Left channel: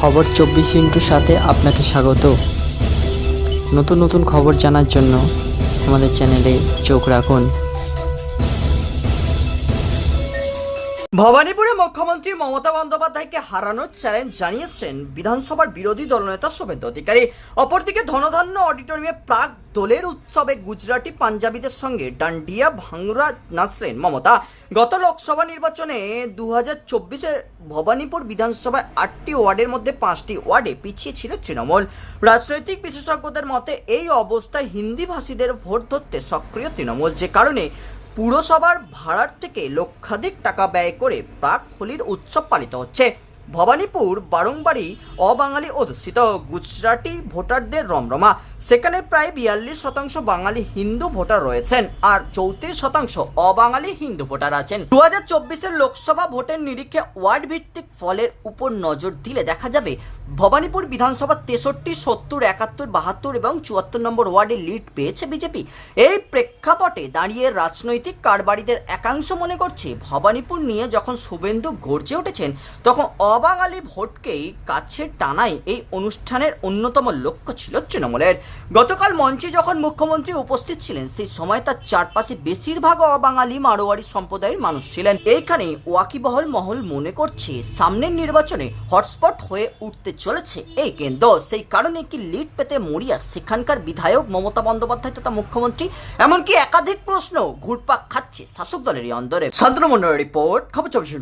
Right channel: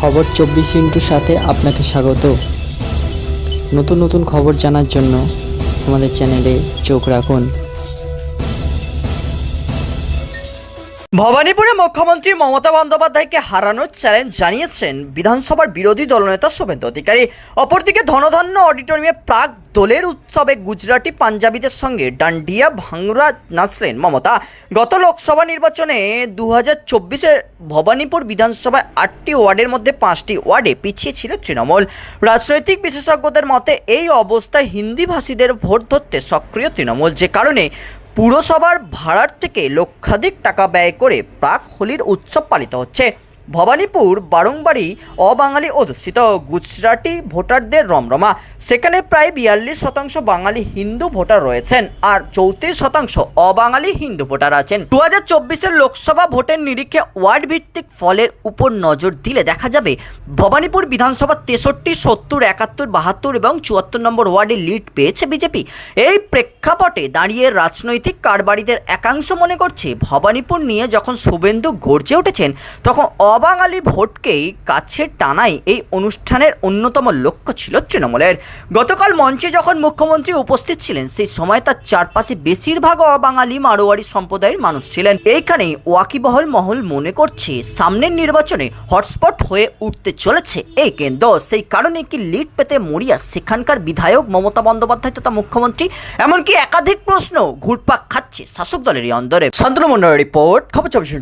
খবর চব্বিশ ইন্টুর সাথে আপনাকে স্বাগত। নতুন নতুন খবর জানার জন্য আমাদের চ্যানেলে চোখ রাখুন। ভবানীপুরে মুখ্যমন্ত্রী মমতা বন্দ্যোপাধ্যায়কে হারানোর চ্যালেঞ্জ জানিয়েছেন বিধানসভার বিরোধী দলনেতা শুভেন্দু অধিকারী। অপরদিকে ধনধান্য অডিটোরিয়ামে প্রাক দোলের উৎসবে গুজরাটি পাঞ্জাবিদের সঙ্গে ডান্ডিয়া ভাংরা নাচলেন মমতা। গত লোকসভা নির্বাচনে দু হাজার চব্বিশের ভবানীপুর বিধানসভায় আটটি ওয়ার্ডের মধ্যে পাঁচটি ওয়ার্ডে পিছিয়ে ছিল তৃণমূল। রাজনৈতিক বিশেষজ্ঞদের মতে, এই অবস্থায় হিন্দিভাষীদের ভোট ধরতে সক্রিয় তৃণমূল। যে কারণে পুরসভার ভাড়ার থেকে লক্ষাধিক টাকা ব্যয় করে প্রাক হোলির উৎসব পালিত হচ্ছে। ভবানীপুর বারংবারই অবাঙালি অধ্যুষিত। গুজরাটি ভোটারদের রমরমা। সেখানে প্রায় বিয়াল্লিশ শতাংশ বাঙালি হিন্দু ভোটার রয়েছেন আর চৌত্রিশ শতাংশ অবাঙালি হিন্দু ভোটার আছেন। দু হাজার চব্বিশের লোকসভা ভোটের নিরিখে ওয়ার্ড ভিত্তিক ফলের উপর নজর দিলে দেখা যাবে ভবানীপুর বিধানসভা তেষট্টি, সত্তর, একাত্তর, বাহাত্তর এবং চুয়াত্তর নম্বর ওয়ার্ডে লিড পেয়েছে বিজেপি। এই প্রেক্ষাপটে দাঁড়িয়ে রাজনৈতিক কারবারিদের একাংশ মনে করছে, ভবানীপুর নিয়ে যখন শুভেন্দু গর্জে উঠেছেন, তখন অবাঙালি ভোটকেই কাছে টানাই এই অনুষ্ঠানের অন্যতম লক্ষ্য ছিল তৃণমূলের। গতকাল মঞ্চে যখন মুখ্যমন্ত্রী উপস্থিত ছিলেন, সেই সময় তার চারপাশে বেশিরভাগ অবাঙালি মারোয়ারি সম্প্রদায়ের মানুষ ছিলেন। এইখানেই ওয়াকিবহল মহল মনে করছে, সামনের নির্বাচনে হটস্পট হয়ে উঠতে চলেছে এই কেন্দ্র। সেই কারণে কি লিড পেতে মরিয়া সেখানকার বিধায়ক মমতা বন্দ্যোপাধ্যায় তথা মুখ্যমন্ত্রী? এমনকি একাধিক প্রশ্ন ঘুরপাক খাচ্ছে শাসক দলেরই অন্দরে। সন্দ্রমন্ডল রিপোর্ট, খবর চব্বিশ।